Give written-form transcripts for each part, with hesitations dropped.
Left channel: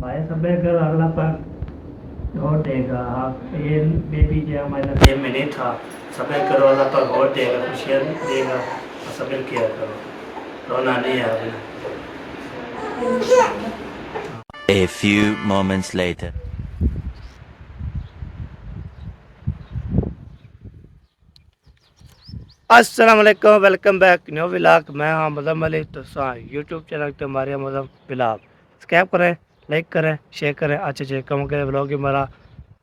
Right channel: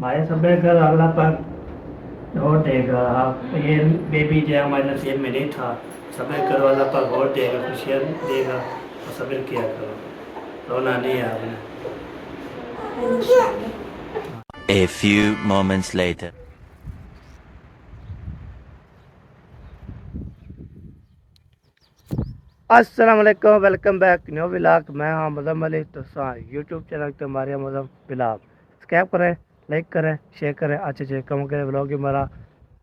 भाई सब कल अगला पर वोट देगा। आप ये बेबी जो है हमारे जेब में नहीं था। सब्र करो, अल्लाह पर वोट देगा, खुशियाँ देगा और सब्र किया करो, रोना नहीं है आपने। A few moments later. अस्सलाम वालेकुम, वेलकम बैक न्यू व्लॉग। मैं हाँ मदम अली। तो यूट्यूब चैनल पे हमारे मदम व्लॉग सब्सक्राइब करें, लाइक करें, शेयर करें, अच्छे कम करें। व्लॉग ही हमारा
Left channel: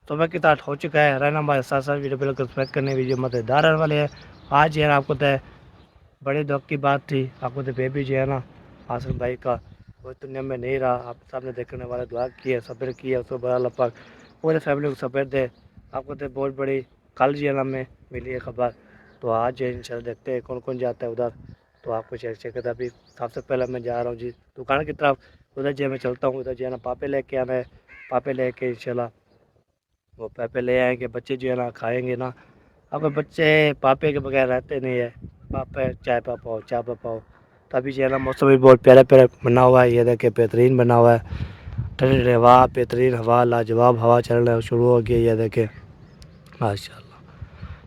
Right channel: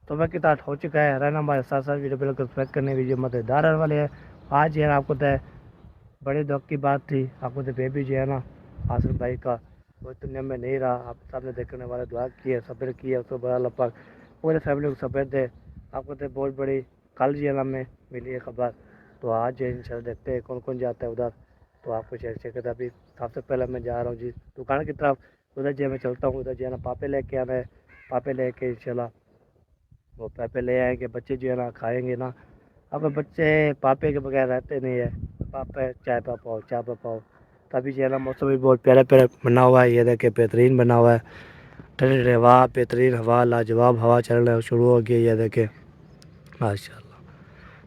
सुबह की ताट हो चुका है। रहना हमारे साथ साथ वीडियो बिल्कुल सब्सक्राइब करने वीडियो मददगार रहने वाले हैं। आज जो है आपको तो बड़े दुख की बात थी। आपको तो बेबी जो है ना आसिफ भाई का वो दुनिया में नहीं रहा। आप सामने देखने वाले दुआ की है, सब्र किया, उसको बड़ा लपक पूरे फैमिली को सब्र दे। आपको तो बहुत बड़ी कल जो है ना में मिली है खबर। तो आज इंशाल्लाह देखते हैं कौन कौन जाता है उधर। तो आपको चेक चेक करता अभी सबसे पहले मैं जा रहा हूँ जी दुकान की तरफ। उधर जो मैं चलता हूँ, उधर जो है ना पापे लेके आना है। पापे लेके इंशाल्लाह वो पापे ले आएंगे। बच्चे जो है ना खाएंगे ना। अब बच्चे पापे के बगैर रहते नहीं है। पापा चाय पाओ, चाय पाओ। तभी जो है ना मौसम भी बहुत प्यारा प्यारा बना हुआ है। ये देखे बेहतरीन बना हुआ है। ठंडी ठंडी हवा, बेहतरीन हवा, लाजवाब हवा चलना शुरू हो गई। ये देखे माशाल्लाह,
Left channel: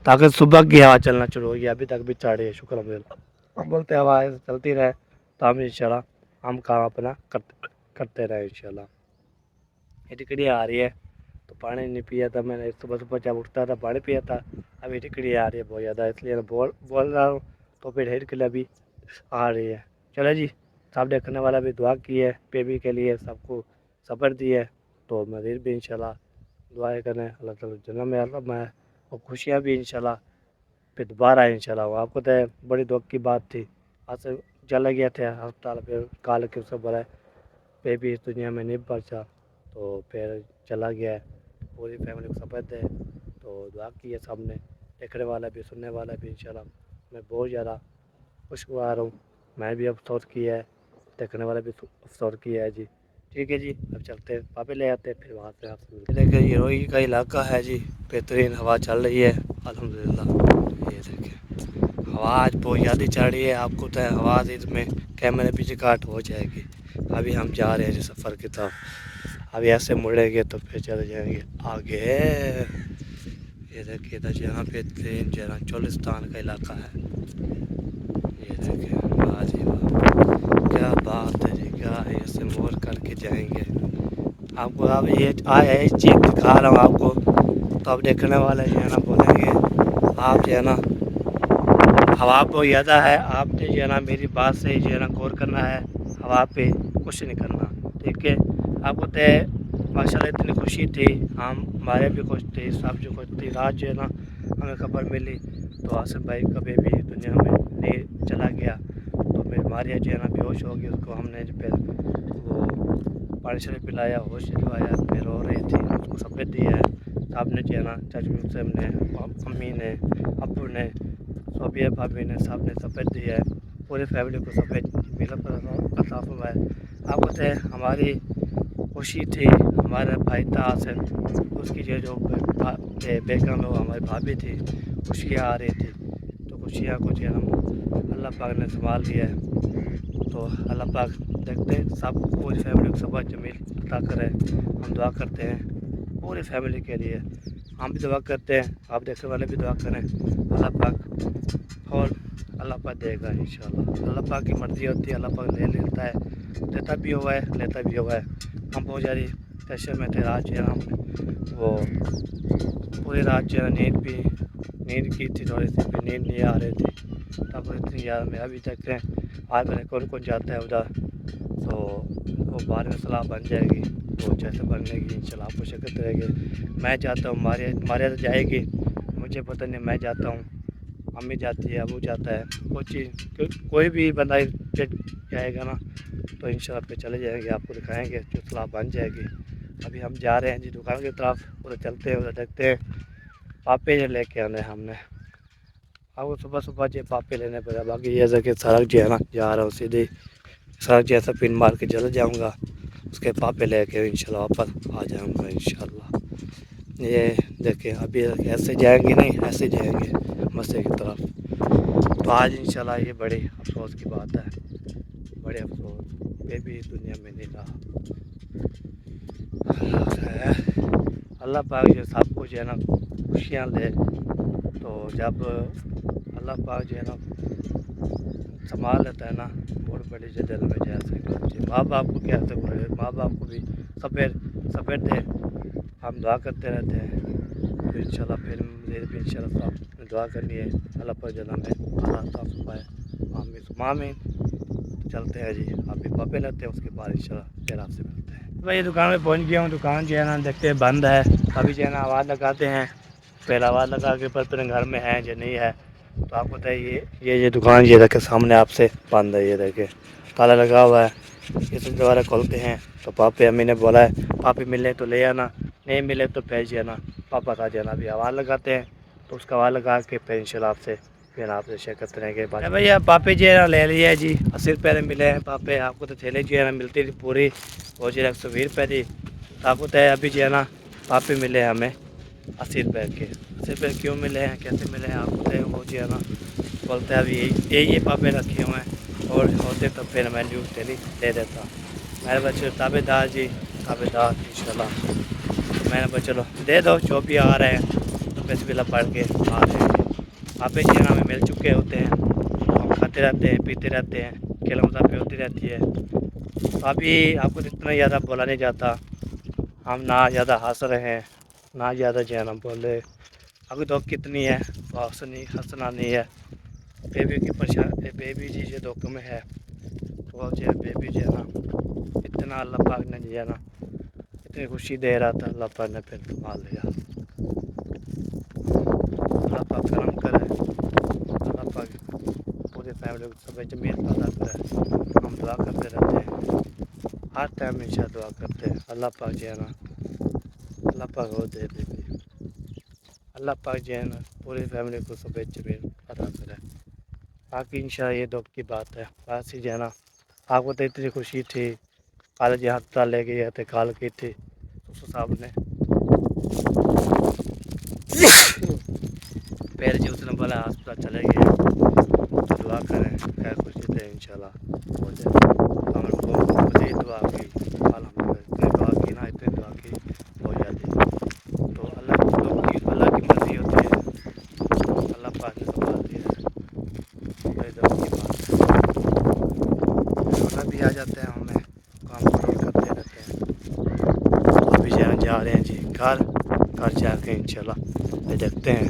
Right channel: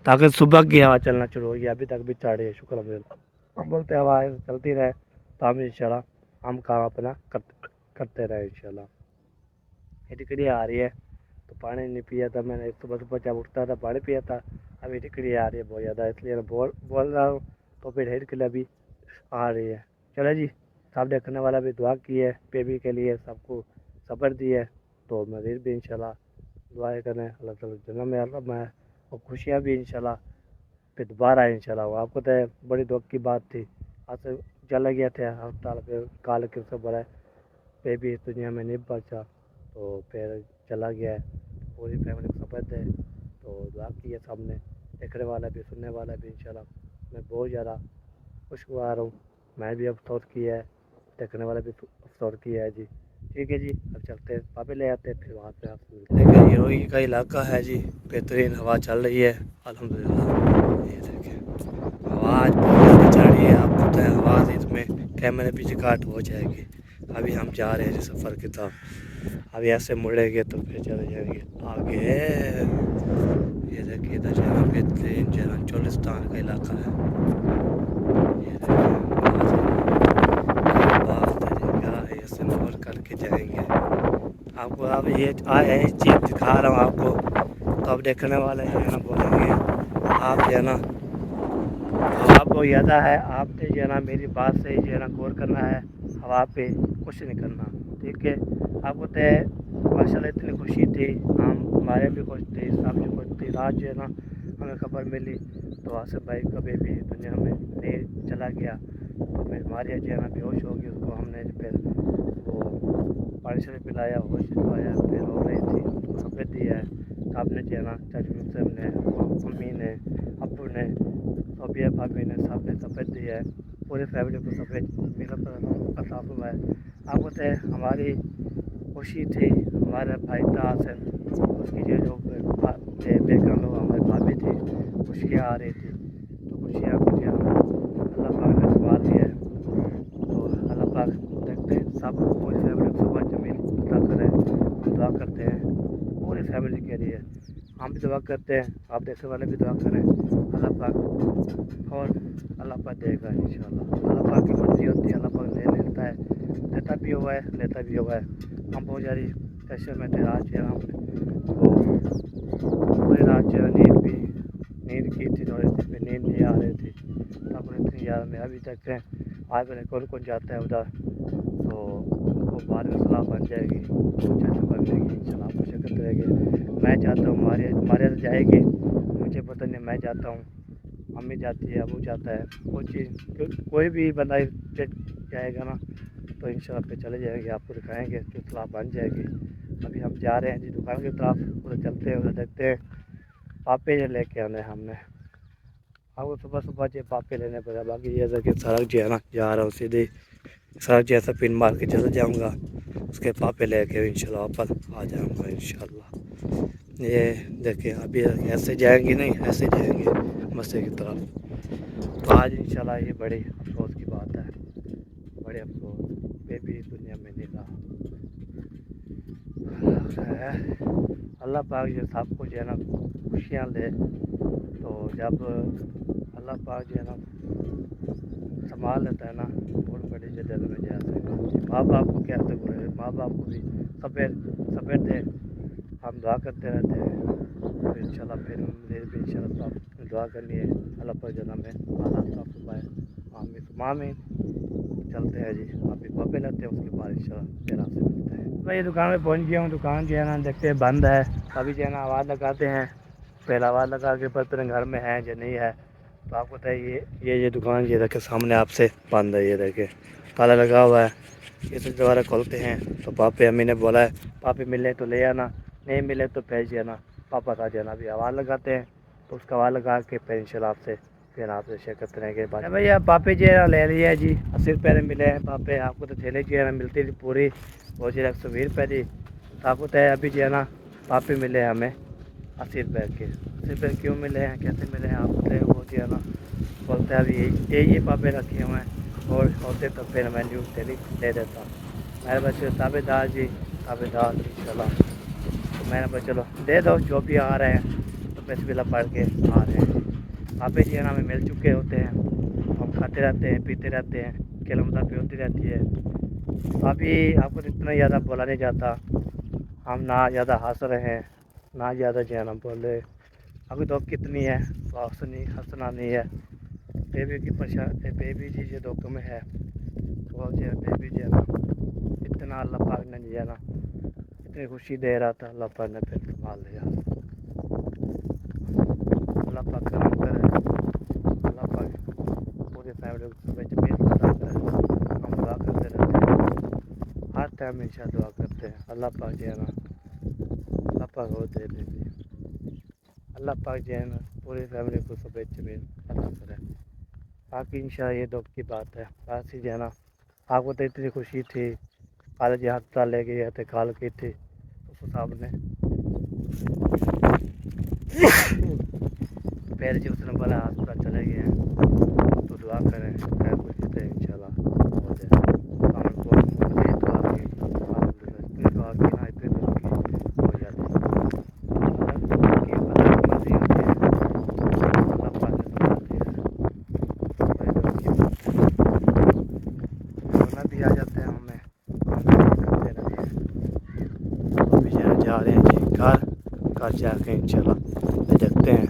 ताकि सुबह की हवा चलना शुरू हो गई। अभी तक भी चढ़ रही है, शुक्र अब बोलते हवा ऐसे चलती रहे तो हम इंशाल्लाह हम काम अपना करते रहे इंशाल्लाह। ये टिकड़ी आ रही है तो पानी नहीं पिया था मैंने। सुबह सुबह जब उठता था पानी पिया था। अभी टिकड़ी आ रही है बहुत ज़्यादा, इसलिए मैं बोल रहा हूँ। तो फिर हेड के लिए अभी आ रही है। चलो जी, सब देखने वाला भी दुआ की है बेबी के लिए, सबको सब्र दी है। तो मज़ीद भी इंशाल्लाह दुआएं करें अल्लाह ताला जन्नत में अल्लाह में और खुशियाँ भी इंशाल्लाह फिर दोबारा आए इंशाल्लाह। वो आपको तो बड़ी दुख की बात थी। आज से चला गया था अस्पताल पे, काल के उससे बड़ा बेबी इस दुनिया में नहीं बचा। तो फिर चला गया है। पूरी फैमिली को सब्र दे। तो दुआ की है सबने, देखने वाला भी सुनने वाला भी इंशाल्लाह। मैं बहुत ज़्यादा खुशगवार हूँ। मैं भी अफसोस किया है, देखने वाला भी अफसोस किया है जी। ठीक है जी, अब चलते हैं पापे ले आते हैं, फिर वहाँ से आपसे मिलते हैं। देखिए ये रोही का इलाका है जी, बेहतरीन हवा चल रही है अल्हम्दुलिल्लाह। ये देखें हवा आज बहुत ज़्यादा चल रही है। आपको तो हवा से इसमें कैमरे भी रिकॉर्ड हो जाएगी। अभी हम जा रहे हैं जी सफ़र की तरफ। अभी ऐसे मुड़ेंगे तो फिर चले जाएंगे आगे। ये देखिए इधर जहाँ बेहतरीन जहाँ चोलिस्तान का इलाका है। ये देखिए क्या बात है, क्या है, ऐसे मोड़ करके जाएंगे। आपको अब ये आया इस चीज़ दिखा रहा हूँ आपको। तो अब देखने वाले जो है ना बोलेंगे आप जो है ना हवा को ज़्यादा है। आपने जो है ना मेरी बात से जो है ना गौर करना है, हवा पे कुछ नहीं करना। ठीक है, आपको तो माशाल्लाह इतनी खुशी थी, हम हमारे भी खुश थे, सब जो खुश थी। रात जो है ना हमें खबर मिली तो आसिफ भाई का बेबी दुनिया में नहीं चला गया। तो फिर मारिया जो है ना बेहोश हो गई। उसको हमने फिर वो पानी शानी पिलाया, होश दिलवाया, फिर रो रही थी, उसको सब्र दिया है। आपने जो है ना चाचू से ने, मम्मी ने, अबू ने, सोबिया भाभी ने, सब ने सब्र दिया है। पूरी फैमिली को सब्र मिला अता फरमाया। आपको तो हमारी खुशी थी, हमारा भाई था आसिफ, उसकी जो बेगम है वो हमारी भाभी थी। खुशियाँ आ रही थी तो खुशियाँ को जो है ना अल्लाह पाक ने संभाल लिया है। तो अल्लाह पाक देखते हैं सब पूरी फैमिली को सुबह जमील अता करें। हम दुआ करते हैं पूरी फैमिली के लिए, हम भी दुआ करते हैं, आप देखने वाले भी दुआ करें। अल्लाह पाक और अल्लाह पाक देगा इंशाल्लाह। अल्लाह पाक की मर्ज़ी होती है, अल्लाह पाक ले लेता है, देता भी हुआ है, लेता भी हुआ है। हम बहुत ज़्यादा टेंशन में थे। आज जो है हम वो पूरी रात जो है नींद की थी, थोड़ी सी भी नींद नहीं आ रही थी। तब इतनी ज़्यादा मैं अभी तक है आज मैंने कौन कौन जाता है उधर। तो वो बाद में सलाह बन जाएगी तो जैसे बन जाएगी इंशाल्लाह आपको शिकत रहेगी। मैं जाता हूँ, मारिया तो जाएगी, मुझे पता नहीं, मैं जाता हूँ, अम्मी जाती है, अबू जाता है, कोई भी बंदा जाएगा ना तो इंशाल्लाह पे चले जाएंगे, आपको दिखाएंगे जो सलाह बन जाएगी। अभी हम जा रहे हैं जी दुकान की तरफ, उधर चलते हैं, उधर देखते हैं पापे जो लेके आने हमने। आपको सुबह सुबह जो पापे लेने पड़ेगा। बाकी जैसे कि सड़क जो है ना जा रहा हूँ सीधे सड़क जैसा पिन मार के चले जाऊँगा, उसके पापे लेके इंशाल्लाह वापस आ जाऊँगा इंशाल्लाह। ये देखिए अभी ऐसे जाएंगे नहीं, ऐसे जाएंगे मस्जिद की तरफ। तो आज इंशाल्लाह ये बड़ी अफसोस की बात है, बड़े अफसोस बेबी इस दुनिया में नहीं रहा। ہے اللہ پاک جو سب کچھ ہے نا خوشیاں دے. تو جب اللہ پاک جو ہے نا سنبھال لیتا ہے نا بہت بڑی دل میں جیسے ماں باپ کو کہتے ہوئے ماں باپ کو بھی صبر دے. ہم دعا کرتے رہتے ہیں تو انشاءاللہ پھر مجھے بھی انشاءاللہ دعا کرنی ہے اللہ پر جنم ہے اللہ تعالیٰ صبح آمین میں چلتے ہیں جی. آپ بھی پاپے لیتے ہیں اس کے بعد انشاءاللہ پھر آپ سے ملتے ہیں. بھائی دکان میں پہنچ گیا ہوں. دکان جو ہے نا دیکھتے ہیں بند ہے. ابھی جو ہے نا آواز لگاتے ہیں. پہلا آواز لگا کے پھر گھر میں ہے یا نہیں ہے. تو آپ کو بتائیے یہ دکان یہ دیکھے سامنے آپ سے بند ہے. یہ دیکھے تالا لگا ہوا ہے. یہ تو دوبارہ کھولتے ہیں تو پاپے امی نے بولا ہے پاپی ملے تو لے آنا نہیں ملے تو بھیج جانا پاپا کا جانا. بھی آواز لگاتے ہیں تو اس کا آواز لگا کے پھر انشاءاللہ آپ سے پھر آپ سے شیئر کرتے رہیں گے. بھائی آپ پاپے جو ہے نا لے لیا ہے جی. 80 روپے میں ملے ہیں پاپے. آپ کو تو تھیلے جو ہے نا ملتی تھی پوری وہ جو 120 روپے تھی. آپ کو تو ابھی جو ہے نا پاپے ملے ہیں ہمیں 80 روپے کے. 80 روپے کیوں ملے ہیں کیسے ملے ہیں آپ کو وہ جو ہے نا بولتے ہیں ابھی یہی پاپے رکھے ہوئے ہیں اور ہوتے تو پھر میں نیوز تھیلی دے دیتا. میرے بچے تابے دار جی تابے دار انشاءاللہ. تو میں نے بس چلو دے دو جو بھی آ رہے ہیں تو بسم اللہ پڑھ کے آ رہے ہیں. پاپے جو ہے نا ہمیں مل چکے ہوتے ہیں. ہم کھاتے رہتے ہیں پیتے رہتے ہیں کھیل مزہ پہ ہوتی رہتی ہے. ابھی آپ کو اتنا زیادہ بولا نہیں جاتا. ہم نہ زیادہ ہنس رہے ہیں نہ زیادہ جو ہے نا بول رہے. ابھی تو کتنی ہے تو ہنسنا نہیں ہے. بیبی کی پریشانی بیبی جی جو دکھ میں ہے وہ جو ہے بیبی جو ہے نا اتنا اللہ پاک نے جو ہے نا اتنی خوشی دے رہا تھا. اللہ پاک نے پھر سنبھال لیا. اللہ پاک کرم کرے. اللہ پاک پوری فیملی کو صبح جمیل پیدا کرے. ہم دعا کرتے رہتے ہیں ہر ٹائم انشاء دعا کرتے ہیں. اللہ پاک جو ہے نا اللہ پاک وہ دے دے. اللہ پاک جو ہے نا پوری فیملی کو صبح جمیل پیدا کرے. باقی انشاءاللہ یہ دکھ کی بات ہے. باقی جو ہے نا آپ کو تو اتنی خوشی تھی کالج ہسپتال لے گئے تھے کال کی تھی اس صاحب نے پہلے جو اس نے بولا ہسپتال چلے گئے تو دعا کریں خیر خوشی تھے انشاءاللہ ہو جائے. ہم لوگ کو مزید دعا کی اتنی دعا کی نا اتنی دعا کی ہو جاتی. اللہ کی مرضی ہوتی ہے. اللہ پاک نے سنبھال دیا. رونا بھی آ جاتے ہیں ہمیں کام کرتے رہتے ہیں. ابھی جا رہے ہیں جی گھر جا کے انشاءاللہ دیکھتے ہیں.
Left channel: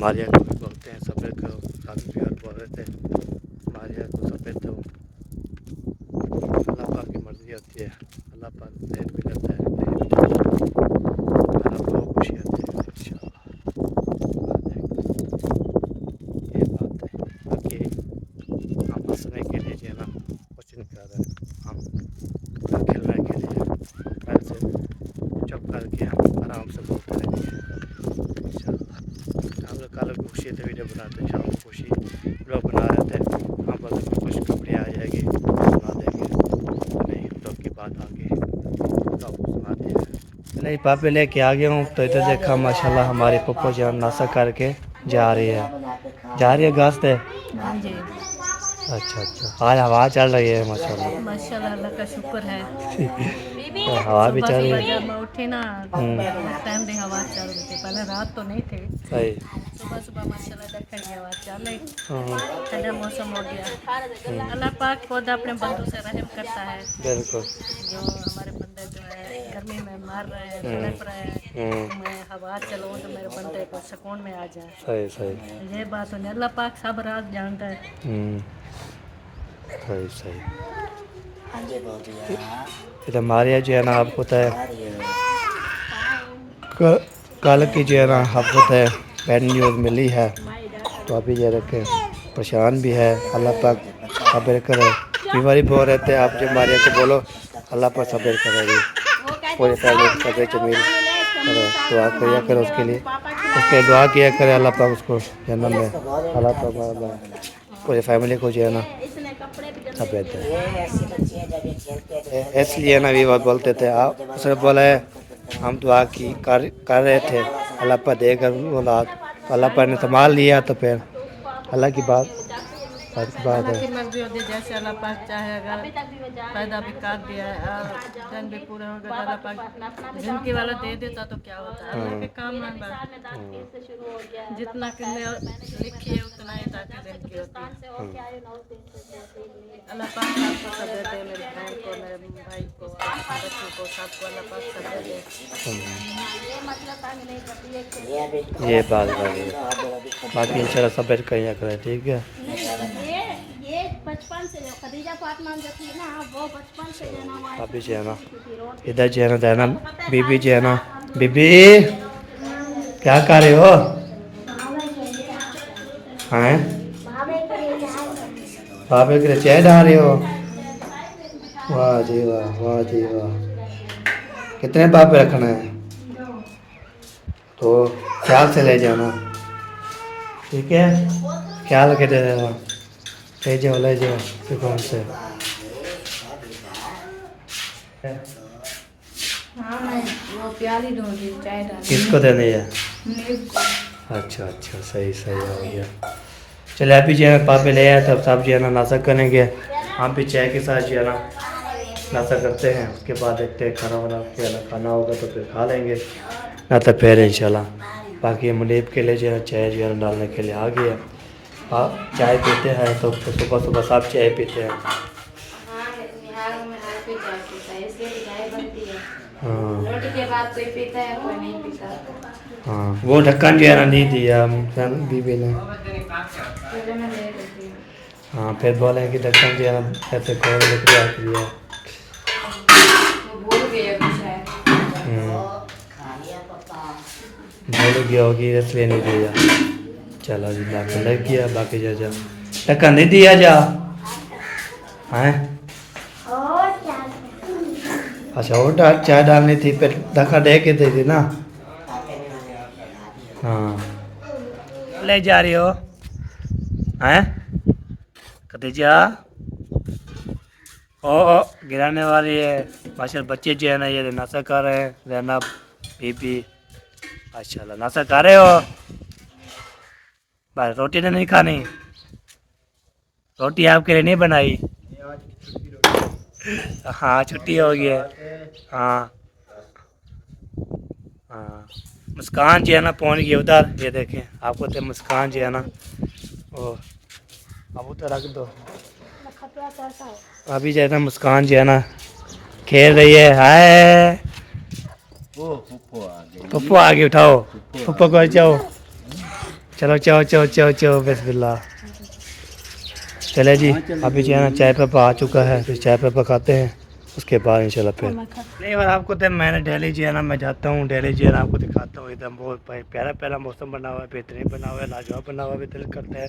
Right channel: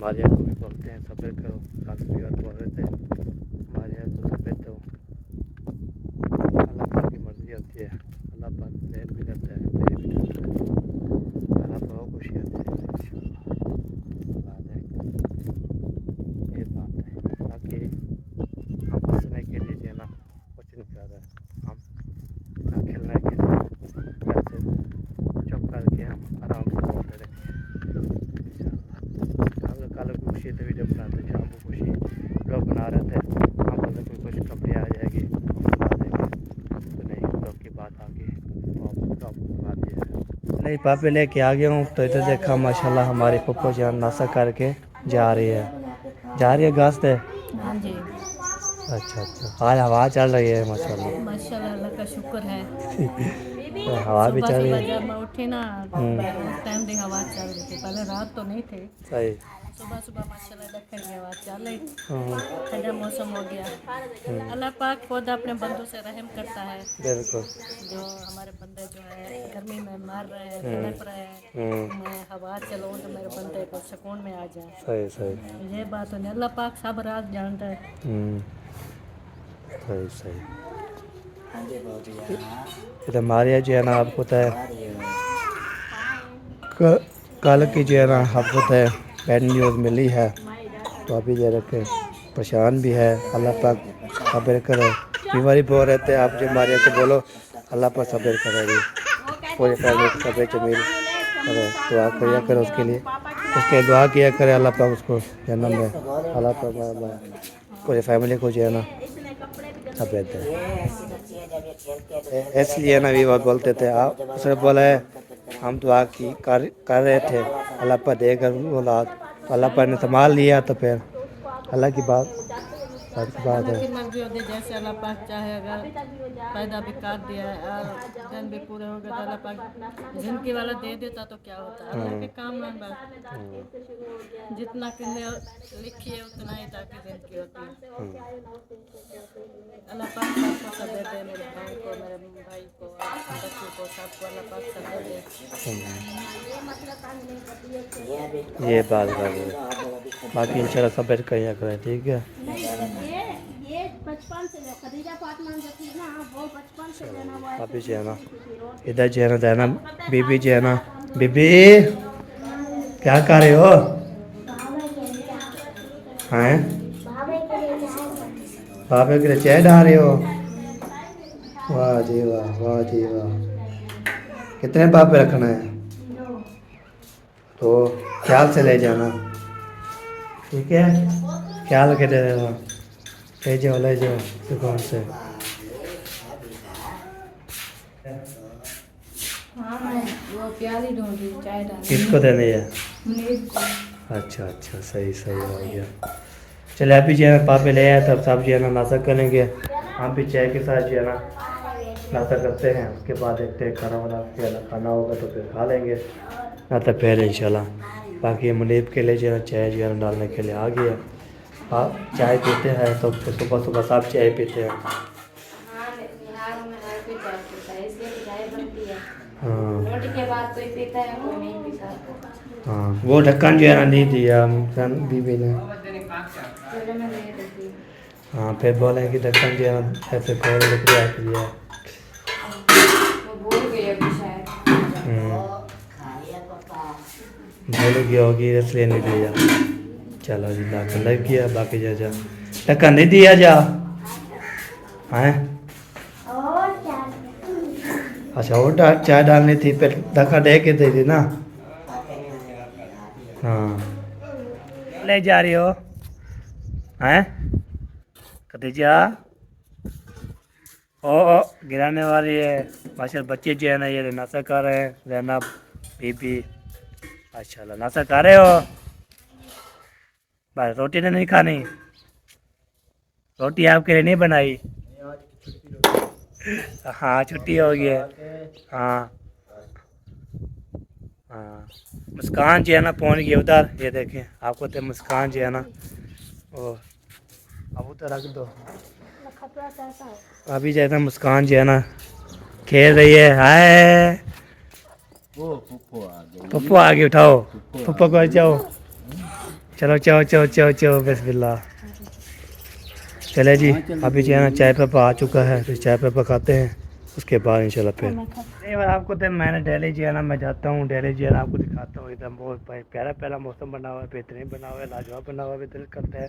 ماریا کو بھی بولتے ہیں صبر کرو. کافی پیار بول رہے تھے ماریا کو صبر دو. اللہ پاک کی مرضی ہوتی ہے. اللہ پاک دیر بھی کرتا ہے اللہ کو خوشی آتی ہے انشاءاللہ. یہ بات ہے. باقی ہم ہنسنے کے لیے جو ہے نا کچھ نہیں کر رہے. ہم کھیلنے کے لیے گھر سے چپ کر کے ہم آرام سے بولتے رہیں گے انشاءاللہ. ہم لوگ کل خوشی سے ویڈیو بناتے ہیں. شام کو خوشی لوگ بنا رہے تھے. ہم بولتے کہ خوش خبری آ جائے گی سنا دیں گے. نہیں لوگ کی بات آ گئی تو آپ کو سنا دیں گے. نہیں پاپے لے کے آ گیا ہوں تو ادھر دیکھا ماشاءاللہ ہماری پپو جان ناشتہ کر کے جا رہی ہے گھاس پہ. ہاں جی اچھا آج ہوا چل رہی ہے ماشاءاللہ. ماشاءاللہ اللہ کا شکر ہے. ہوا بھی صبح چل رہی صبح ہے. جب میں اٹھی نا اس ٹائم دی ہوا چل رہی تھی. پہلے رات تو نہیں تھی. صحیح. صبح صبح ماشاءاللہ دکھن کی ہوا چل رہی. ہاں ٹھنڈا موسم ہو گیا. اللہ پاک خود اپنے بندوں سے رحم کرتا ہے. بالکل. جو ہمارے بندے جو ہے گرمی میں مر رہے ہیں تڑپ رہے ہیں میں ہوا چلاؤں تو میرے بندے کو سکون میں آ جائے. صحیح. یہ بات نہیں اللہ پاک سب راز جانتا ہے. صحیح. ادھر ماریا جو ہے نا آپ کو پتہ ہے کل کی جو ہے نا آپ کو پتہ ہے بیڈ نیوز ملی ہے تو ابھی یہ رکھے پریشان بھی ہے. اللہ پاک صبر کرے. بیماری بہت رہتے ہیں. آپ جو ماریا کو بولو اللہ پاک صبر کرے گی. پورے فیملی کو صبر جمیل کرے. دعا کیا کرے اس کے لیے. اس کے دعا کیا کرے اللہ پاک اس کو جنم میں اللہ پاک پورے فیملی کو جو ہے نا صبر دے. اس لیے نا بھی بولتے تھے اس نے بولا ہے ہم دعا کی کر رہے تھے اللہ پاک دے کر اولاد تو اللہ پاک نے سنبھال لیا. تو پھر اللہ کی بات बात की बात अल्लाह है। की मर्जी होती है, जैसे अल्लाह पाक चाहे। अगर पैदा भी कर दिया है और दिन भी पूरे हो गए तो अल्लाह पाक जिनकी वाला दे देता तो क्या होता है, अल्लाह के काम में बस जितना कितने लिखी है उतना ही ताकि जिनकी होती है। अल्लाह पाक सबको सब देते हैं, मेरी बहन को, मेरे भाई को, बच्चों को, सबको अल्लाह पाक सब दे दे। ये बात है। बाकी इंशाल्लाह सब बैठ कर यहाँ करें, ठीक है। ये बचपन से जो खदीजा फातिमा जो थी ना, वो बचपन से जो ना अभी जो है ना इधर जो है ना बीबी जो है ना, बीबी क्या कर रहे हो? हैं भाभी के लिए चाय डाल रहे हो? वाह जी वाह, वाह जी वाह। कितने पापे रखना है? तो ख्याल से ले जाना, ठीक है। ख्याल के दे देना, ले जाओ सुकून से। हाँ मैं वो प्याली दूँगी, चाय डाल किसको देनी है? अच्छा अच्छा, सही सही हो गया। चले अभी जो है पापे ले आए, तब सब जो है ना नाश्ता करेंगे। हम भी चाय के साथ जो है ना नाश्ता करते हैं, उसके बाद देखते हैं खाना वाना जो है ना खाना होगा तो फिर खा लेंगे, ना तो फिर इंशाल्लाह। बाकी मुनीब के लिए जो है चाय जो है ना डालने के लिए आ गया। आप चाय पीते हैं तो सुबह सुबह सब चाय पीते हैं। हाँ रोटी के बाद कोई पीता है, कोई नहीं पीता। हाँ, वो ढक्कन जो है ना नहीं दिया बीबी ने। पहले मैं ले लेती हूँ। हाँ, फिर बोले कि ढक्कन जो है ना ऐसे खोल के रख दिया। वो भूल गई अभी शायद। भूल गया होगी इसलिए नहीं दिया। चलो जी, ढक्कन लग गया। बाकी जा जा ढक्कन नहीं दिया जा हैं। अच्छा, वो चाय डालनी थी, फिर ढक्कन दे के दे दी ना। हाँ, ले जा रही हो हैं खदीजा? ओ गिराने वाली है। माशाल्लाह बच्चे जो है ना ये नाश्ता कर रहे हैं, रहना बीबी। माशाल्लाह नाश्ता कर रहे हो? बस रोटी तो नहीं खानी? रोटी आपके लिए नहीं बनाई? हाँ, छुट्टी हो गई है। हाँ हाँ, मुस्कान जो है ना पहुँच गई उधर, ये देखें आपको तो मुस्कान जो है ना वो अब उधर रख दो। अभी जो है ना मुस्कान जो है ना खेल रही है। हाय पप्पू आ गए, उठाओ पप्पू को, जाओ चलो चलो चलो चलो चलो बिस्मिल्लाह। चले जी, अभी जो है ना चाय पे आ चुका है, फिर चाय पे खाते हैं, उसके बाद इंशाल्लाह फिर नहीं। और आपको तो मैंने डेली जो है ना मैं जाता हूँ, डेली जो है ना आपको दिखाता हूँ। एकदम बहुत प्यारा प्यारा मौसम बना हुआ है, बेहतरीन बना हुआ है, लाजवाब बना हुआ है। दिल करता है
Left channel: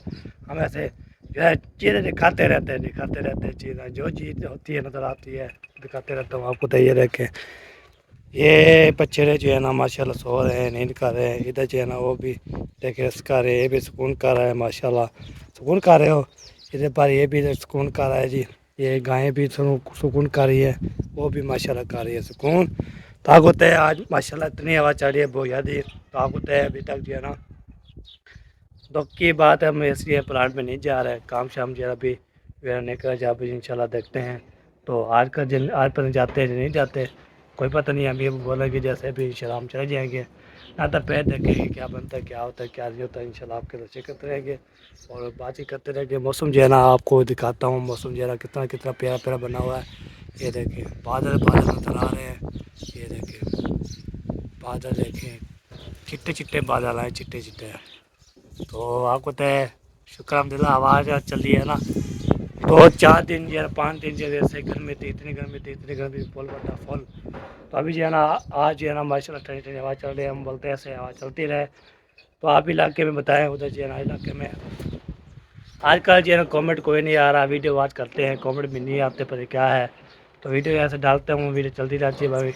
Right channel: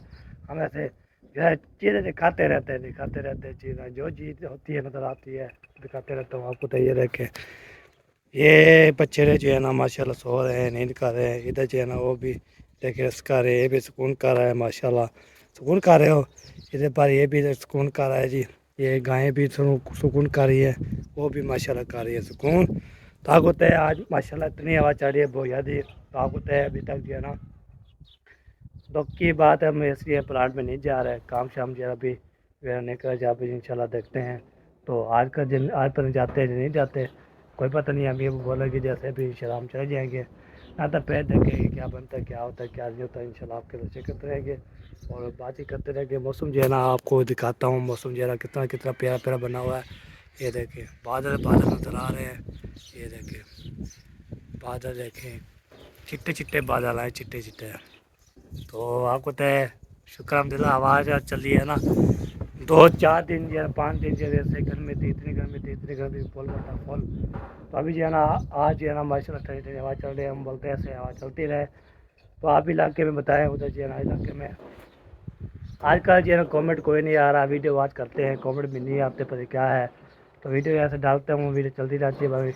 हम ऐसे जो है चीज़ें दिखाते रहते हैं चीज़ें, जो चीज़ होती है नज़र आती है दिखाते रहता हूँ आपको। तो ये देखें, ये बच्चे जो है ना माशाल्लाह सो रहे हैं, नींद कर रहे हैं। इधर जो है ना वो भी देखे इसका रहे, ये भी सुकून कर रहा है माशाल्लाह। सुकून कर रहे हो? इधर पर ये भी सुकून कर रहा है जी। ये गायें भी सुकून कर रही है, वो भी माशाल्लाह कर रही है सुकून। ताकत है आज माशाल्लाह, इतनी हवा चढ़ रही है बहुत ज़्यादा ताकत है। अभी तक जो है ना दुख की बात है, हम इसलिए प्लांट में नहीं जा रहे, काम शाम जो है अभी नहीं कर जा। अभी इंशाल्लाह देखते हैं। तो आज का दिन आज पर जाते हैं नहीं जाते कोई पता नहीं। अभी बोला कि जैसे भी इंशाल्लाह हम चले जाएंगे, ना तो पैर देखेंगे क्या बनता है, क्या होता है, क्या नहीं होता है। इंशाल्लाह आपके दर्शन करते रहेंगे और बातचीत करते रहेंगे। मौसम जो है ना आपको दिखाता हूँ, मौसम जो है ना कितना कितना प्यारा प्यारा बना हुआ है। ये देखें बादल बादल नजर आ रहे हैं, ये देखें बादल देखें, चिट्टे चिट्टे बादल आए, चिट्टे चिट्टे। तो आपको तो शुक्र अल्हम्दुलिल्लाह आवाज़ चल रही है ना। 2-4 दिन जो है 5 दिन जो है गर्मी थी, इतनी गर्मी थी फुल बता फुल। तो अभी जो है ना आज जो है ना माशाल्लाह ठंडी ठंडी हवा चल रही है। हम बोलते हैं ऐसे हवा चलती रहे। तो आप इलाके में बताएं, उधर जो है ना इलाके में आजकल जो है ना कमेंट कोई नहीं आ रहा। वीडियो वाच करते हैं, कमेंट भी नहीं आते, पर क्या है। तो वीडियो ऐसे डालते हूँ, वीडियो चलती रहती है भाई,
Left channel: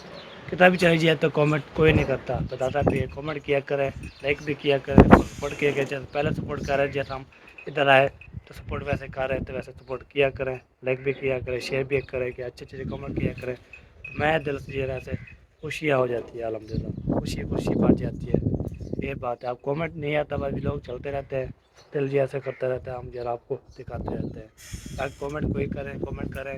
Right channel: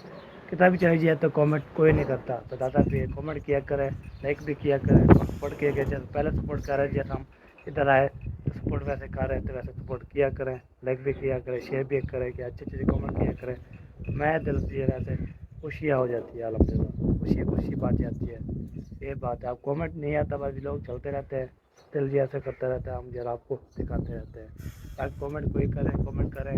कितना भी चली जाए तो कमेंट कोई नहीं करता। बताता भी है कमेंट किया करें, लाइक भी किया करें, सपोर्ट किया करें। जैसे पहले सपोर्ट कर रहे हैं, जैसे हम इधर आए तो सपोर्ट वैसे कर रहे हैं, तो वैसे सपोर्ट किया करें, लाइक भी किया करें, शेयर भी करें, कि अच्छे अच्छे कमेंट किया करें। मैं दिल से ऐसे खुशियाँ हो जाती है, अल्हम्दुलिल्लाह खुशी खुशी बात जाती है। ये बात है। आप कमेंट नहीं आता, बस लोग चलते रहते हैं, دل جی ایسے کرتا رہتا ہے, ہم ذرا آپ کو دکھاتے رہتے ہیں. تاکہ کامنٹ کوئی کریں, کامنٹ کریں,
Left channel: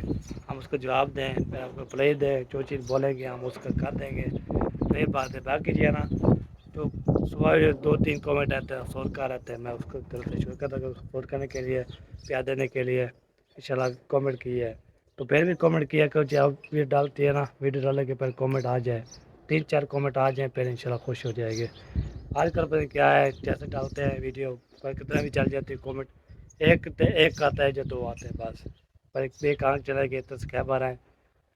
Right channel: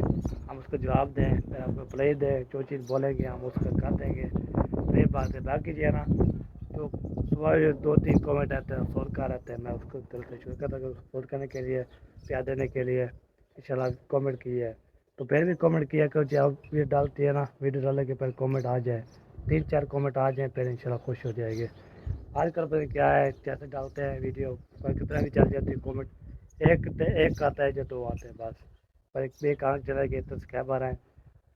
ہم اس کو جواب دیں, پھر آپ کو پلے دیں, جو چیز بولیں گے ہم اس کا کر دیں گے. یہ بات ہے. باقی جو ہے نا تو صبح 2-3 کامنٹ آتے ہیں, سور کا رہتے ہیں, میں اس کو دل سے شکر کرتا ہوں سپورٹ کرنے کے لیے, پیار دینے کے لیے. انشاءاللہ کامنٹ کی ہے تو پھر بھی کامنٹ کیا کرو, جب ویڈیو ڈالتی ہے نا, ویڈیو ڈالنے کے پھر کامنٹ آ جائے, 3-4 کامنٹ آ جائیں, پھر انشاءاللہ خوش ہو جائے گے. آج کل پتہ کیا ہے, جیسے ڈالتے ہیں ویڈیو پر کتنا بھی چل جاتی ہے کامنٹ, ایک آتا ہے جو 2 آتے ہیں بس. پر ایک آنکھ چلا گیا تو سبسکرائبر ہیں,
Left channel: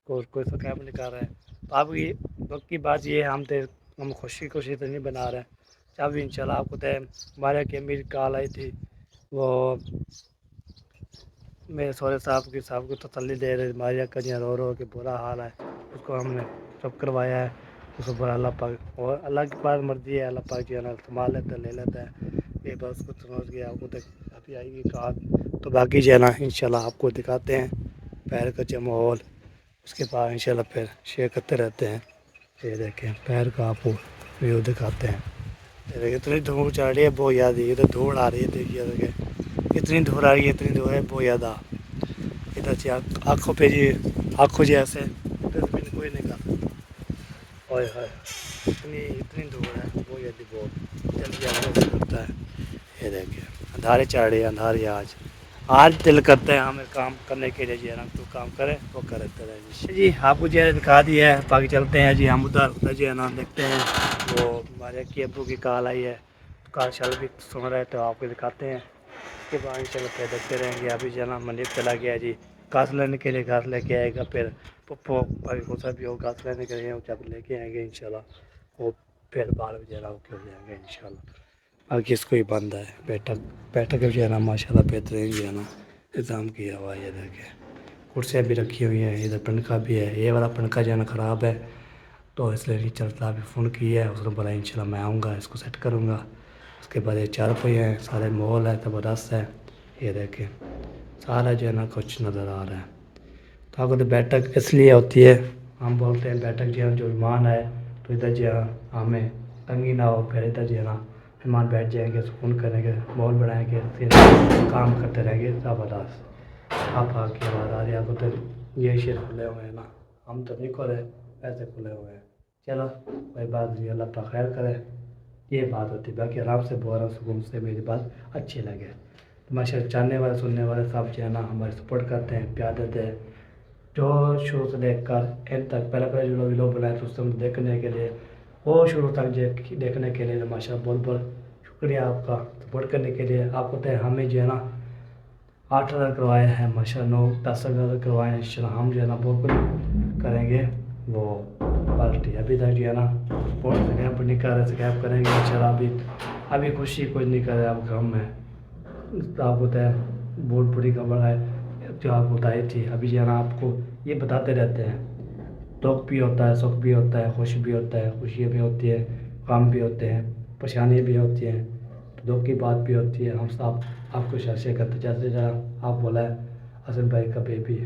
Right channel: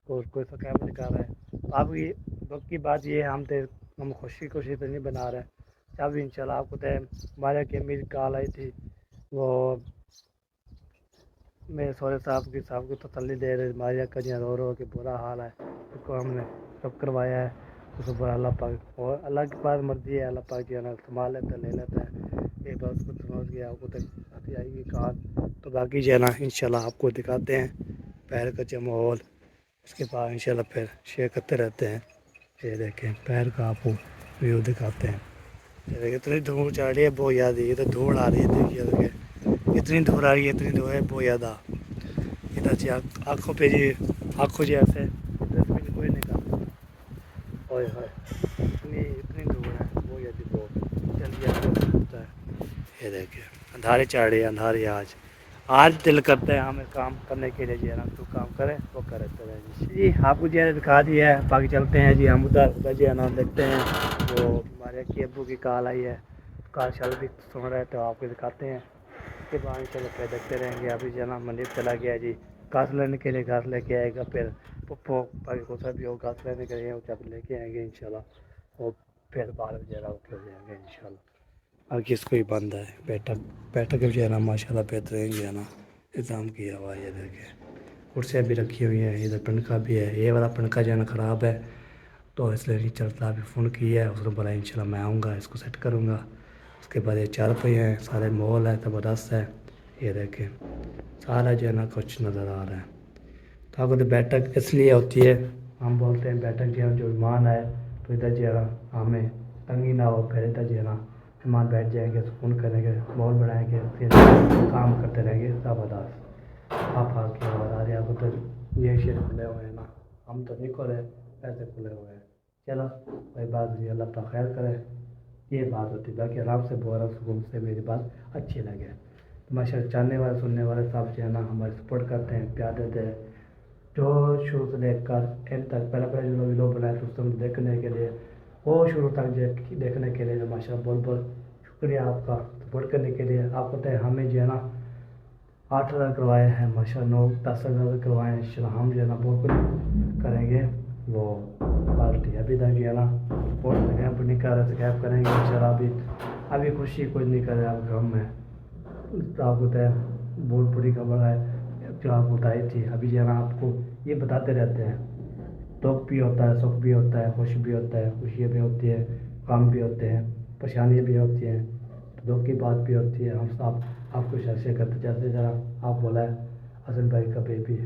کوئی سبسکرائبر نہیں کر رہا ہے. تو اب یہ وقت کی بات یہ ہے, ہم خوشی تو نہیں بنا رہے ہیں. اب انشاءاللہ آپ کو ہمارے کہ میری کال آئی تھی, وہ میرے سورے صاحب کو تسلی دے رہے, ماریا کجیاں رو کہ برا حال ہے, اس کو ہم نے سب کروایا ہے. اس کو اللہ پاک, اور اللہ کی پاس مرضی ہے, اللہ پاک جو ہے نا سنبھال لیتا ہے, لے لیتا ہے. یہ بات اس کو سمجھ گیا, آپ کو تک ابھی آئی ہوئی کار. تو باقی جو ہے نا انشاءاللہ آپ کو دکھاتے ہیں پیر کا جو ماحول, اس کے بعد انشاءاللہ پھر شیئر کرتے رہتے ہیں. یہ دیکھیں پیر کا آپ کو ویو دکھاتے ہیں. یہ دیکھیں اتنی دھوڑ چڑھ رہی ہے, بہت زیادہ. یہ تو دھوڑ آ رہی ہے, دیکھیے اتنی دھوڑ آ رہی ہے, اتنی دھوڑ ہے بہت زیادہ. ادھر سے آنکھوں پہ جی, آنکھوں جی ایسے کوئی نہیں کر. اوئے ہوئے اتنی دھوڑ ہے, بہت زیادہ, بہت جلدی ہوتا ہے. یہ دیکھیں اندھارے چڑھ رہی ہے, اندھارے آج دل کرتے ہیں ہمیں کام کرنے کے لیے, جی ہے نا, تو کام کرے وہ کرتے رہے. جی آپ کو جو ہے دکھا دیا ہے, باقی چلتے ہیں جی. ہم ادھر جو ہے نا دیکھتے ہیں, وہ ہمارے کی ابو کی کال آئی ہے, کال شال بھی سن رہے تو آپ کو دکھاتے ہیں. اس کے بعد انشاءاللہ پھر دیکھتے رہیں گے. ابھی جو ہے نا منڈی چلا گیا جی گھاس لینے کے لیے, گھاس لے کے آئے گا. پھر پپو بھائی کو سب بھی گھاس لینے کے لیے جب لے کے آئیں گے انشاءاللہ, وہ پھر 12 بجے راؤٹ ہو جائیں گے انشاءاللہ. باقی اس کو ہی بند ہے بیٹھک جو ہے نا ماشاءاللہ بہترین جو ہے نا انتظام کیا ہوا ہے. یہ دیکھیں کرسیاں بھی رکھی ہوئی ہیں, ادھر پنکھا بھی ہے. یہ والا پنکھا جو ہے نا خراب ہے تو اس لیے نہیں چلتا. ابھی فون کیا ہے, اس نے بولا انشاءاللہ میں آؤں گا, اس کو سیٹ کروں گا. اس کے بعد یہ 4 پہیے ہیں, سارے مال ہے, زبردست ہے. یہ دیکھیں سارا جو ہے نا کچھ نظر آ رہا ہے. تو آپ کو تو بیٹھک اس لیے ہوتی ہے, ہم بولتے ہیں بیٹھک جو ہے جو مہمان ہے تو ادھر جو ہے ہمیں تنگی نہ ہو. پھر ادھر جو ہے نا مہمان بیٹھ جائیں گے, سکون کریں گے, مال بنائیں گے, پھر کام کرتے رہیں گے زبردست. آپ کی آواز آ رہی ہے, آپ کو تو یہ شیر کھلے ہوئے ہیں نا, ہم تو نہیں کھلے, ایسے کھلے ہوئے ہیں. چلو کوئی بات نہیں, اللہ پاک خیر کرے. یہ بات ہوتی ہے. باقی آرام سے بول رہا ہوں, سکون سے میری بات اچھی لگے. ماشاءاللہ چاہنے والے سننے والے سب جو ہے نا ہمارے سپورٹ کرتے ہیں, پیار دیتے ہیں. جو شروع سے دیکھ کر اینڈ تک, پہلے جو لوگ بنائے تھے اس کو دیکھنے کے لیے, وہ شروع تک دیکھنے کے لیے ماشاءاللہ بہت بہت شکریہ آپ کا سپورٹ کرنے کے لیے. آپ کو تو ہمیں جو ہے نا 8,000 کروایا ہے ماشاءاللہ, 9-10,000 کروائے ہیں. انشاءاللہ ہم جو ہے نا بہت کچھ کریں گے. وہ پارٹی ابھی تک جو ہے نا سپورٹ نہیں کر رہے, سکیپ کریں گے انشاءاللہ. ابھی خوشی کچھ نہیں کر رہے, اب غم ہے. آپ کو تو بہت بڑی خبر ہے جو آپ کو بتائی تھی. ابھی جو ہے نا آپ کو یہ بتاتے رہتے ہیں, دکھ بھی ہوتا ہے, سکھ بھی ہوتا ہے, خوش بھی ہوتا ہے, خوشیاں بھی ہوتی ہے, غم بھی ہوتے ہیں, پریشانیاں بھی ہوتی ہیں, دکھ کی بات بھی ہوتی ہے. ہم سب آپ کو شیئر کرتے, جیسے ذرا آپ بولا ہے حسن بھائی کا بیبی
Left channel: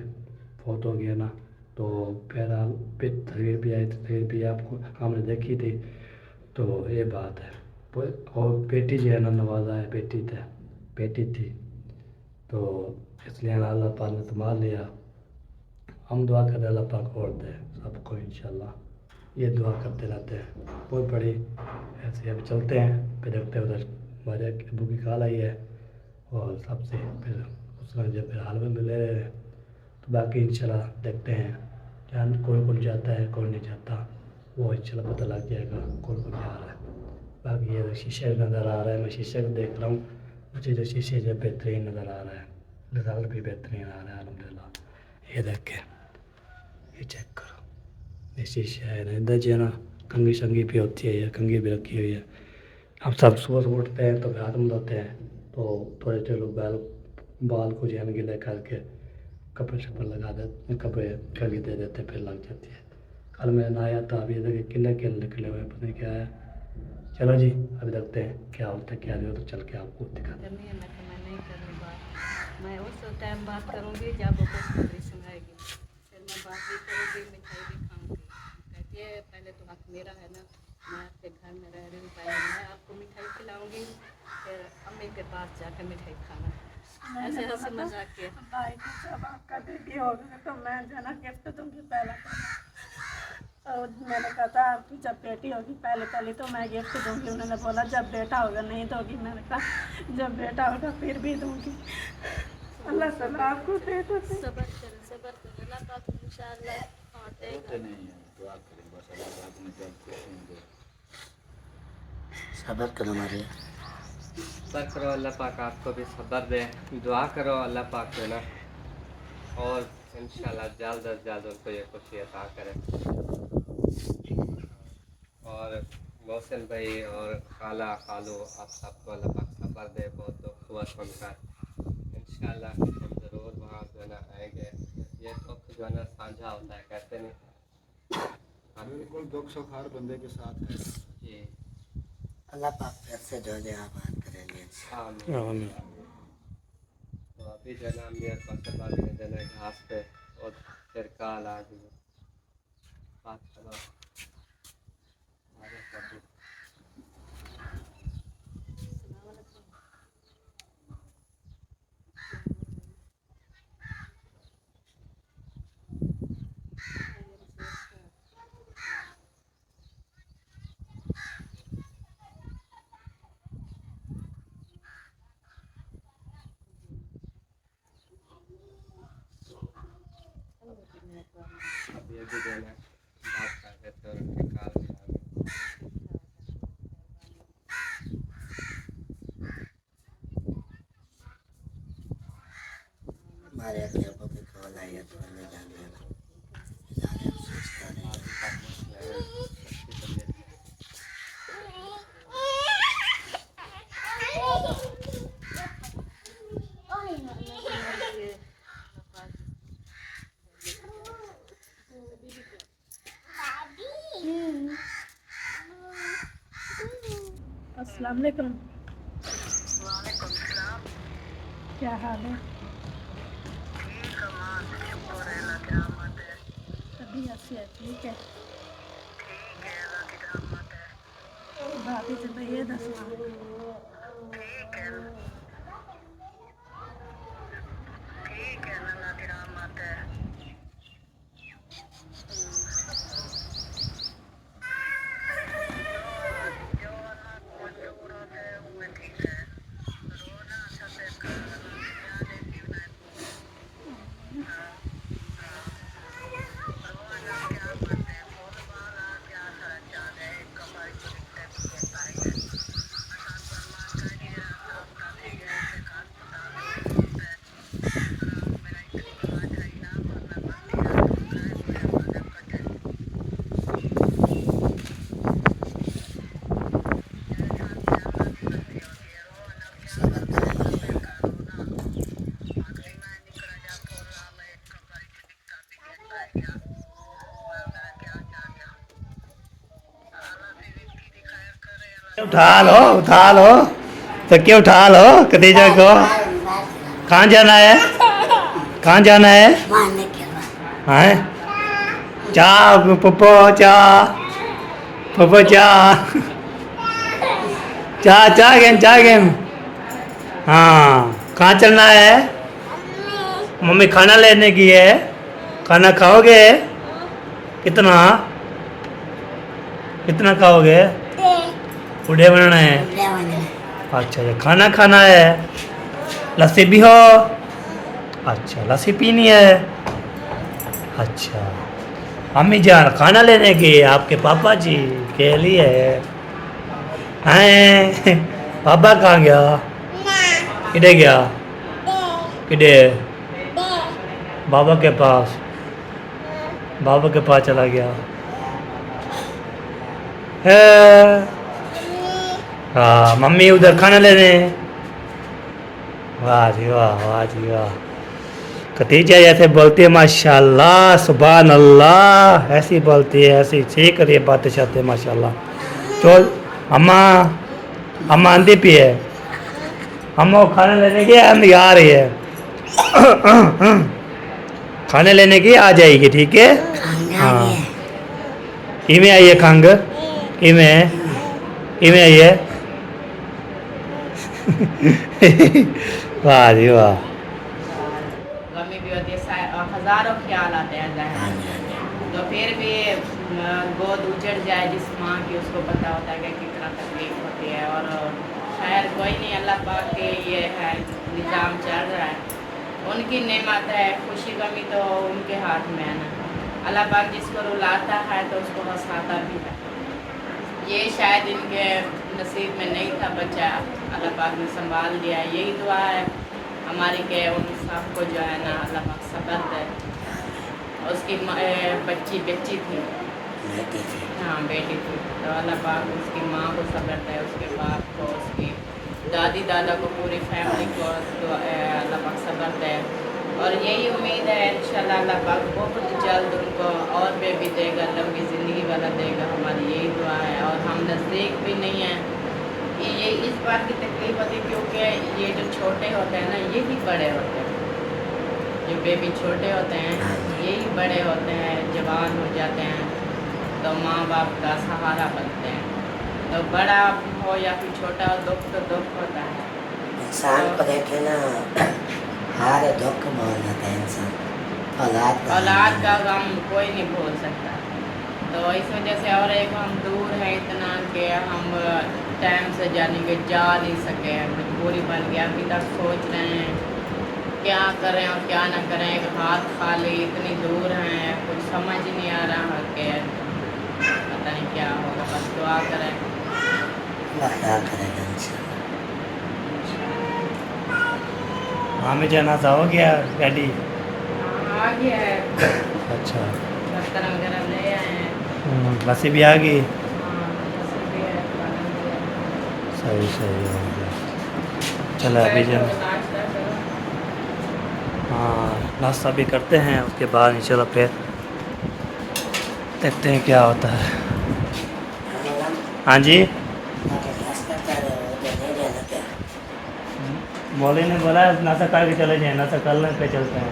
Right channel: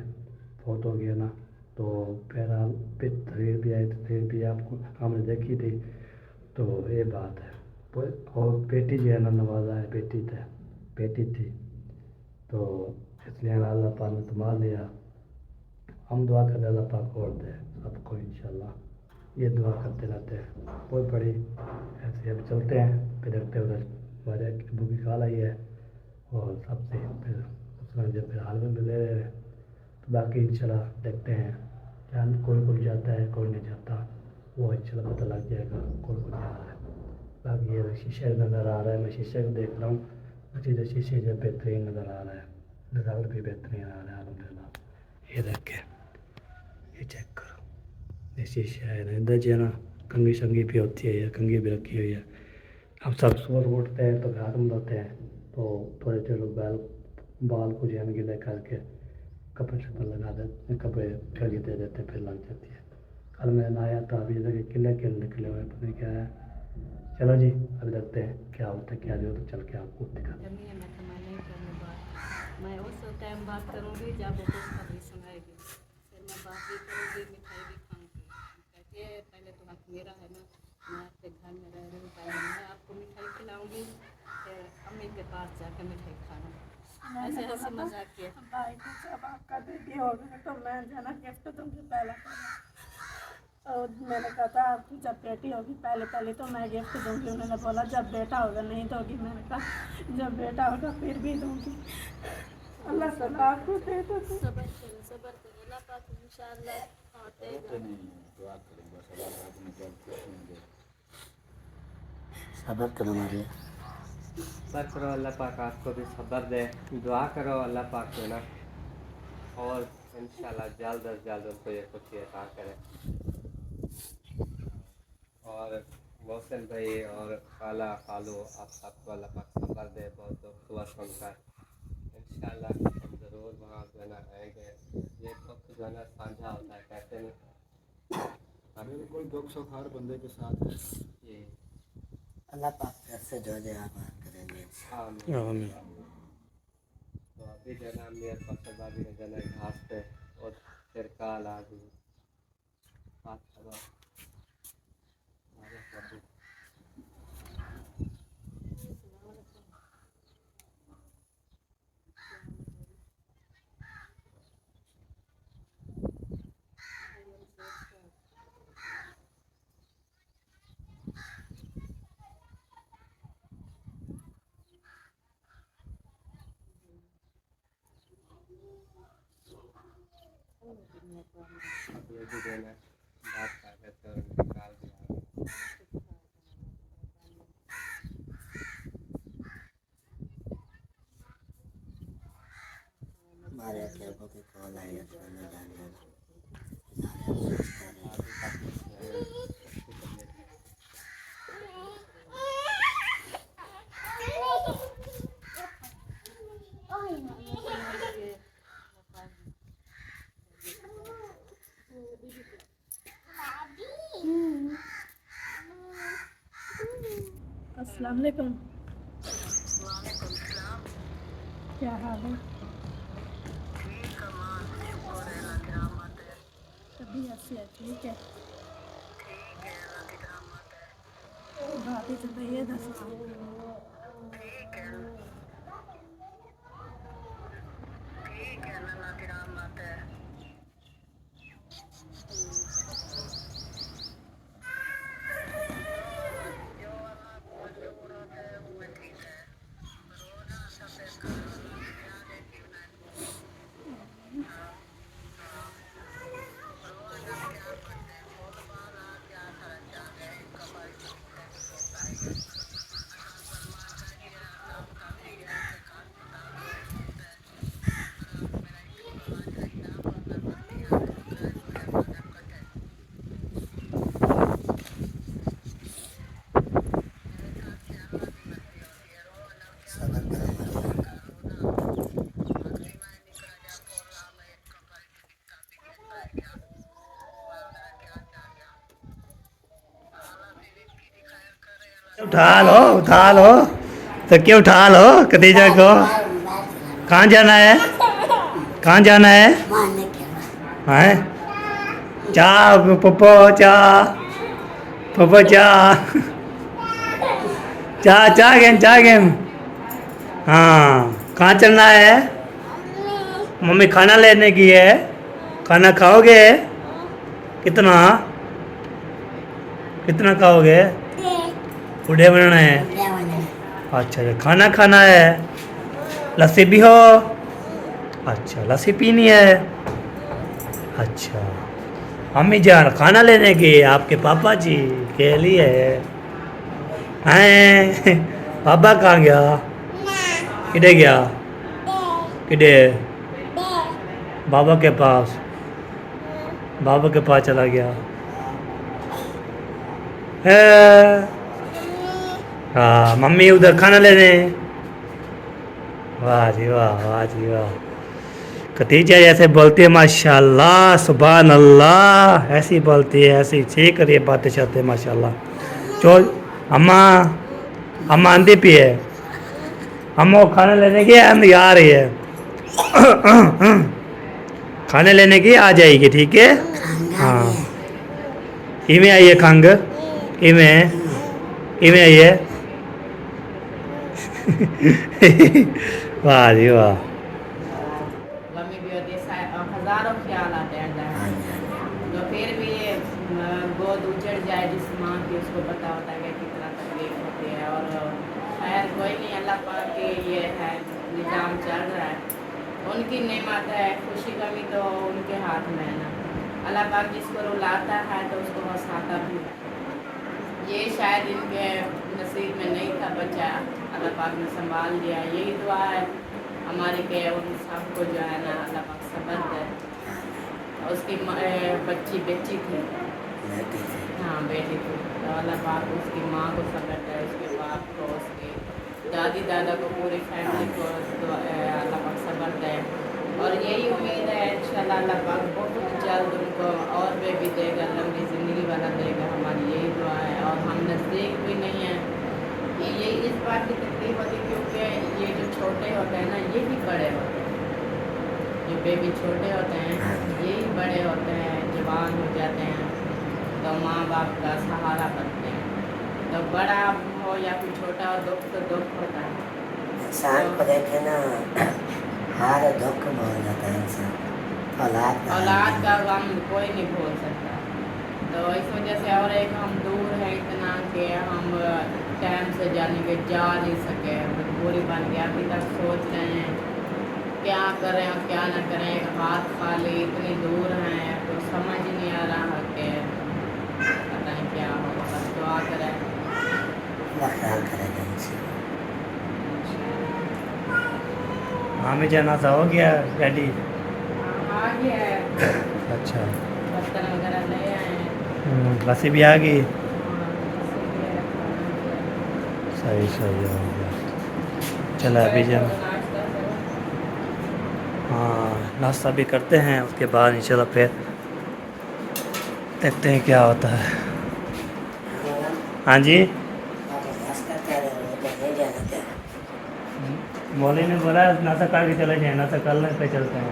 فوت ہو گیا نا, تو بہرحال تصویر بھی آئی, تصویر بھی آپ کو ہم نے دیکھی تھی. تو یہ بات ہے. اور بیٹی جو ہے نا نوازا ہے, بیٹی تھی, تو اس لیے اللہ پاک نے سنبھال لیا. ہم دعا کرتے اللہ پاک اور دے سب کو انشاءاللہ, یہ دعا کرتے رہتے ہیں. بہت بڑی ایسے اب چلتے ہیں, پھر دیکھتے ہیں ادھر ہمارے ابو کی کال آئی ہے, اور سب سے پھر اس میں جو پھر حال میں ملے. تو باقی انشاءاللہ دیکھتے ہیں کیا کون جاتا ہے کون نہیں جاتا, وہ انشاءاللہ پتہ لگ جائے گا کون جا رہا ہے. باقی یہ شیشے نظر آ رہا ہے, میں شیشے کو دیکھ رہا ہوں, مجھے جو شیشے جو بہترین نظر آ رہا ہے, رزلٹ بھی بہترین آ رہا ہے الحمدللہ. یہ دیکھیں, یہ چیک کرو, یہ شیشہ ہے نا, ادھر جو ہے نا کنگھی شنگھی بھی ہوتی ہے, یہ کنگھی بھی رکھی ہوئی ہے. ہم سب صبح اٹھتے ہیں تو ہاتھ میں دھوتے ہیں, تو تھوڑے لوگ بال کو جو ہے گیلے کر کے کپڑے شپڑے لگا دیتے, کپڑے کنگھی دے دیتے, پھر لگ جاتی ہے. کل میں نہایا تھا, ابھی ادھر کلے نکلے ہوئے, پتہ نہیں کیا ہے. چلو جی ابھی دیکھتے ہیں کیا ہوتا ہے, کیا نہیں ہوتا, چل کے آپ کو دکھاتے ہیں. کرنی ہے, میں نہیں کرنی بات. میں اس ٹائم بات کروں گی جب وہ خوشخبری سنائے گی, پھر میں بات بھی کروں گی, مٹھائی بھی کھاؤں گی. کہتی ہے پہلے تو حق میرا ہے نا, मैं आपके घर में रह रही हूँ, पहले मैं आपको मिठाई खिलाऊंगी, फिर अम्मी के पास जाकर मिठाई खाना। ऐसे हंसी मजाक के भाई को जब आपका बेबी होगा तो मैं जना गिफ्ट दूंगी पहला। और मैंने कहा था आपकी जब बेटी होगी पहले पहले तो मैं गिफ्ट दूंगी। उन्होंने बोला जब बेटा होगा नहीं दोगी। मैंने कहा जब बेटा होगा फिर भी दूंगी। अल्लाह ताला आपको दे दो। सबर करें अल्लाह पाक इंशाअल्लाह। सबर करो मारिया, सब्र करो, अल्लाह पाक आपको भी सब्र दे। दुआ करो अल्लाह पाक से ना, और इंशाल्लाह जल्द अज जल्द उनको ये खुशी अता करे। और मोहसिन भाई और खाला खालू आप सबको अल्लाह पाक सब्र दे। बहुत दुख हुआ सुनकर, इंशाल्लाह हम ज़रूर वहाँ जो है ना आएंगे। ये दुख जो है ना साझा होता है, कहते नहीं। बिल्कुल दुख सुख हर बंदे के साथ है जी अल्लाह पाक फिर से जो है आबाद करेंगे। आमीन। तो अभी जो है ना अम्मी और कौशल भाभी ने जो है ना घास पे और फिर काल आ गई बात करो हमारे प्रभु। अभी अभी जो है ना बात कर रहे थे और उनकी काल भी आ गई। मारिया के को भी कॉल आई है तो मैं जान लिया इधर अफसोस कर रही है। अस्सलाम वालेकुम। क्या हाल है? तबीयत से ठीक है? भाभी से भैया दसना उठा लो तो क्या उठा लो खदीजा को। कहाँ जाना है? कहाँ जाना है? मारने के बाद हैं? चाह पप्पो चाह पप्पो चाह चाह गेम। हाँ कहाँ चलना है? मम्मी खाना लेने की है। खाना खाओगे? कितना कितना खाओगे? बूढ़े बनना है। अच्छा अच्छा खाना खाना है। लस्सी भी हो? अच्छा लस्सी पीनी है। अच्छा अम्मी जान खाना लेने की आपके पापा जी के लिए हैं। पापा कहाँ गया? किधर गया? किधर? बाबा के पास। बाबा के पास चला गया है। हाँ मम्मी उधर खाना लेने। वाह जी वाह, वाह जी वाह। खदीजा ऐसे बोलती है माशाल्लाह सुभान अल्लाह, ऐसी बोलती है, ऐसी सीख रही है बातें शातें माशाल्लाह। चल अम्मा अम्मा आंधी पी है। अम्मा को खाना लेने की आंधी आ रही है। खाने लेने की आ जाएगी, ठीक है। हाँ कि में आई है खंग? किमें आई है वाह जी वाह गमी भी होती है, हजारों ख्याल आते हैं ज़हन हाँ में। जी हाँ जी तो फिर भी गोद उजड़ जाए जिस माँ की, उसको पता होता है कि कितना तकलीफ होती है। और खैर कोई नहीं, अल्लाह पाक के ये है निज़ाम चल रहा है, उनकी नेमत है। खुशी गमी तो उनके हाथ में है ना। अल्लाह पाक जिसको रुलाता है तो उसको हंसाता भी है। ये शायद इनके नसीब में नहीं था बच्चा, अल्लाह पाक ने संभाल लिया। यही दुआ है हमारी के उन सबको जो है ना अल्लाह पाक सब्र दे। और उसकी बेटी थी, बेटी थी। हाँ बेटी थी, तो अल्लाह पाक उसकी माँ को सब्र दे, उसके बाप को, उसकी दादी दादा को, पूरी फैमिली को अल्लाह पाक सब्र दे। और यही उम्मीद है इंशाल्लाह अल्लाह पाक बहुत जल्द उनको और बेबी देगा, लंबी ज़िंदगी वाला देगा। हमारी यही दुआ है। और हम नज़दीक भी नहीं हैं, ये इस बात की तकलीफ होती है क्योंकि ये जो छोटे होते हैं ना यही बड़े होते हैं। जो बेबी छोटे होते हैं यही बड़े होते हैं, जवान हो जाते हैं तो माँ बाप का सहारा बनते हैं। तो बड़ा हो या फिर छोटा हो, दुख तो दुख होता है। इंसान को देखे ना हर दुख भूल जाता है इंसान। औलाद का गम कोई नहीं भूल सकता। तो इस वजह से और एक हम दूर हैं इतना कि हम टाइम से जाने के जा नहीं सके, मजबूरी बन गया। अभी तक सोच रहे हैं क्या करें और क्या ना करें, एक हाथ खाली, इतनी दूर हैं, कुछ समझ ही नहीं आ रहा कि पता नहीं क्या होगा। बस दुआ करें। ख्याल करेगा इंसान। हाँ में जाना था, हो गया रेडी? आ गया है, अच्छा दफ्तर वगैरह ले आए हैं। लस्सी भी आ गई? हाँ, लस्सी भी है, खाना भी है। सही सही हो गया। चलो अभी जब नाश्ता करो। हाँ नाश्ता भी करते हैं, उसके बाद इंशाल्लाह फिर देखते हैं क्या होता है। हाँ जी मौली ने बोला नाश्ता करके चले जाए, नाश्ता करने पे चलते हैं।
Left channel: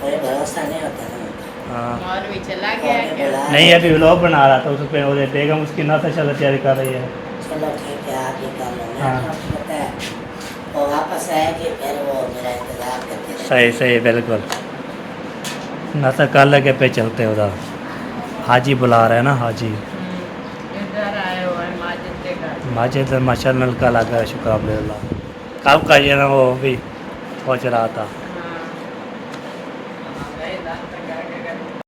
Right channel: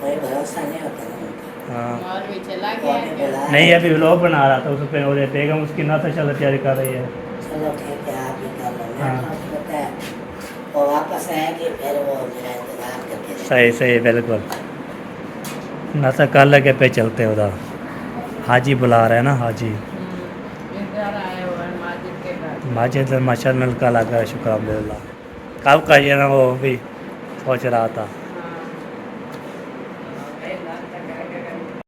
कोई भरोसा नहीं होता ना उनका। हाँ और भी चला गया और भी क्या? बुला- नहीं अभी व्लॉग बना रहा था, उस पर और बेगम उसकी नाश्ता चलो तैयारी कर रही है। चलो ठीक है, आप ही कर लो। हाँ। मैं तो पता है वो वापस आएगी फिर वो मेरा इंतजार करती रहेगी। सही सही बिल्कुल। नाश्ता कर लगे पे चलते हैं उधर। हाजी बुला रहे हैं ना, हाजी इधर आए हुए हैं माजिद के घर। माजिद माशा नल का लगा, शुक्र अल्हम्दुलिल्लाह। कब का ये ना वो भी सोच रहा था।